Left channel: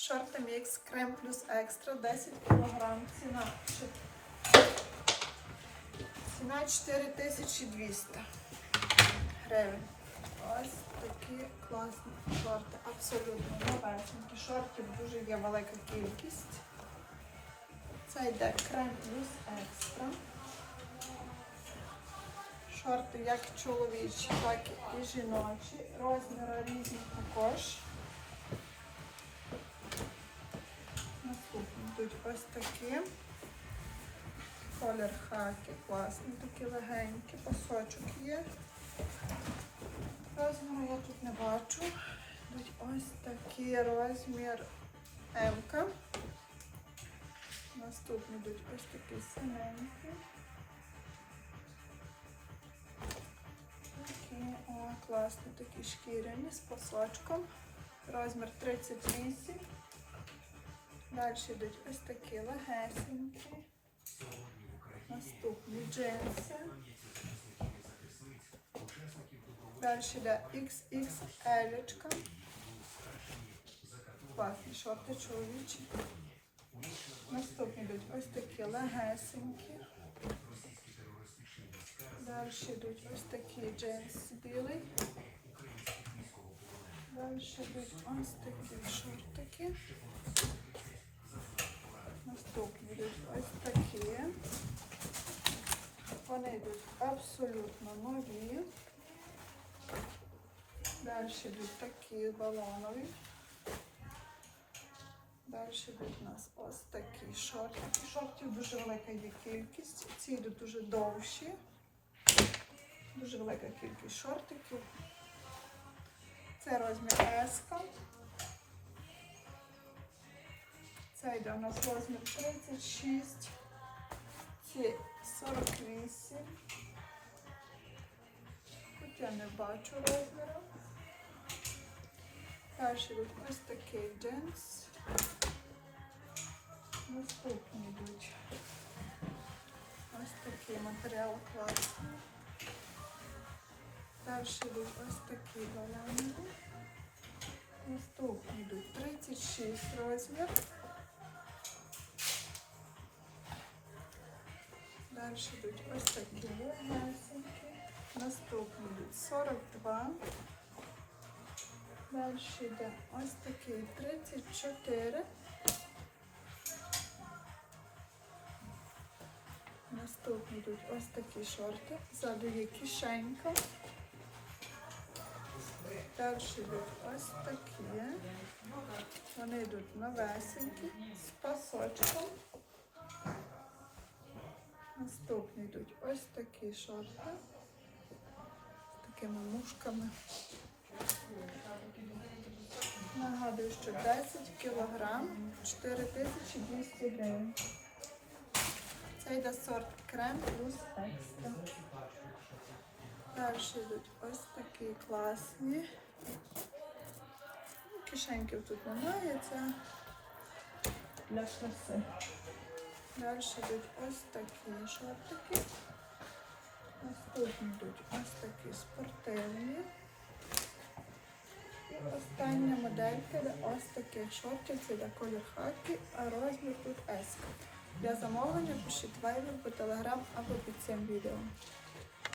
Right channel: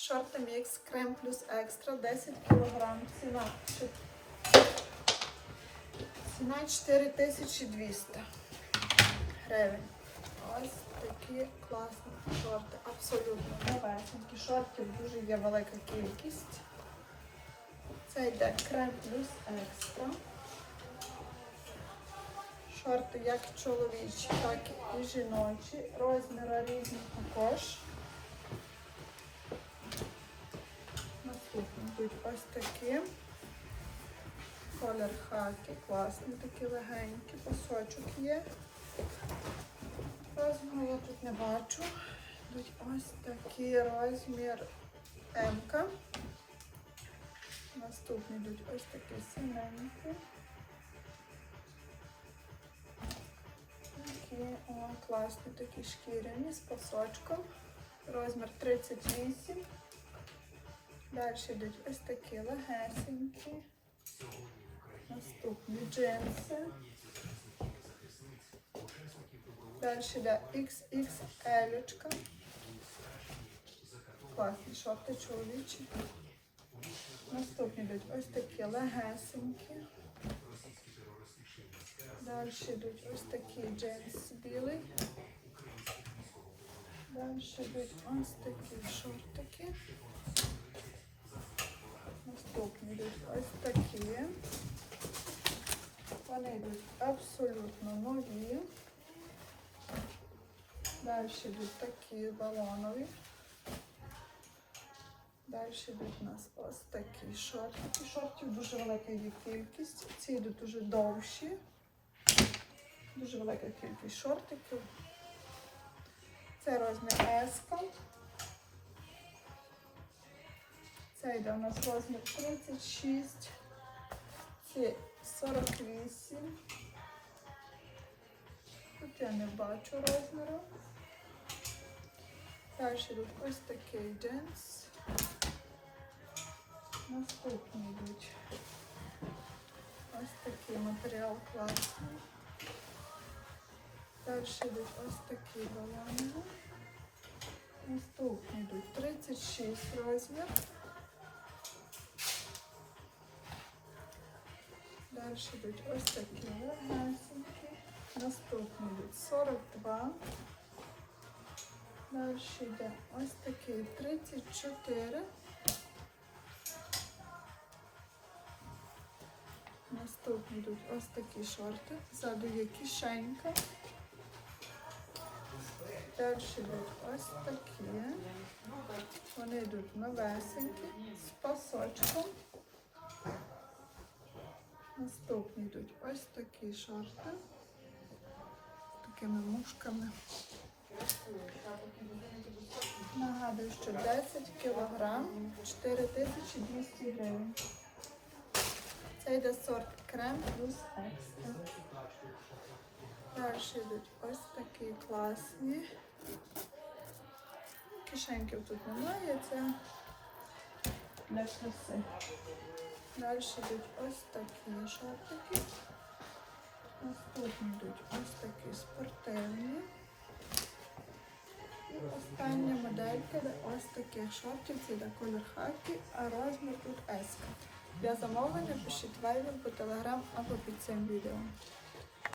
Шорти мікс крем плюс екстра 10 кг. Ціна, ціна 4200 гривень. Ось такі класні шорти. Абсолютно новесенькі. Шортів дуже є велика кількість. Це йде крем плюс екстра. Шорти як чоловічі, так і жіночі. Розміри різні також. Ось такі. Колір хаки, класний, такі легенькі, пасочок є. Розміру я тут не бачу. Йдуть ось такий розмір М. -ка. Наступні йдуть ось такі синенькі. Такі, о, класні такі шкіряні з пасочком. Розмір 38. Далі йдуть ось такі легесенькі. Наступні джинси. Далі йде XXL. Класні шорти чоловічі. Наступні йдуть ось такі легесенькі. Далі йдуть ось такі джинси білий. Далі йдуть ось такі шортики. Наступні йдуть ось такі. Вони йдуть абсолютно нові. Далі йдуть такі балонові. Далі йдуть у нас ось такі шортики. Шортів дуже велика є кількість. Ці йдуть дуже довші. Дуже велика кількість шортиків. Це розмір S. Це йде у нас розмір 36. Це 48. Тут я не бачу розміру. Далі йдуть ось такий джинс. Наступні йдуть ось такий матеріал класний. Далі йдуть ось такі балони. Наступні йдуть 36 розмір. Далі йдуть ось такі легенькі. Наступні йдуть 42. Далі йде ось такий 34. Наступні йдуть ось такі шорти. Ззаду є кишенька. Далі йдуть ось такі. Вони йдуть новесенькі з пасочком. Наступні йдуть ось такі шорти з такими мушками. Нагадую, що 10 кг 4200 гривень. Це йде сорт крем плюс екстра. Далі йдуть ось такі класні. Кишеньків тут немає, це для шоси. Далі йдуть ось такі шортики. Наступні йдуть ось такі спортивні. І остання моделька, де ось таких шортів, це йде колір хакі, а розмір тут S. Для замовлення пишіть вайбер по телеграм або під цим відео.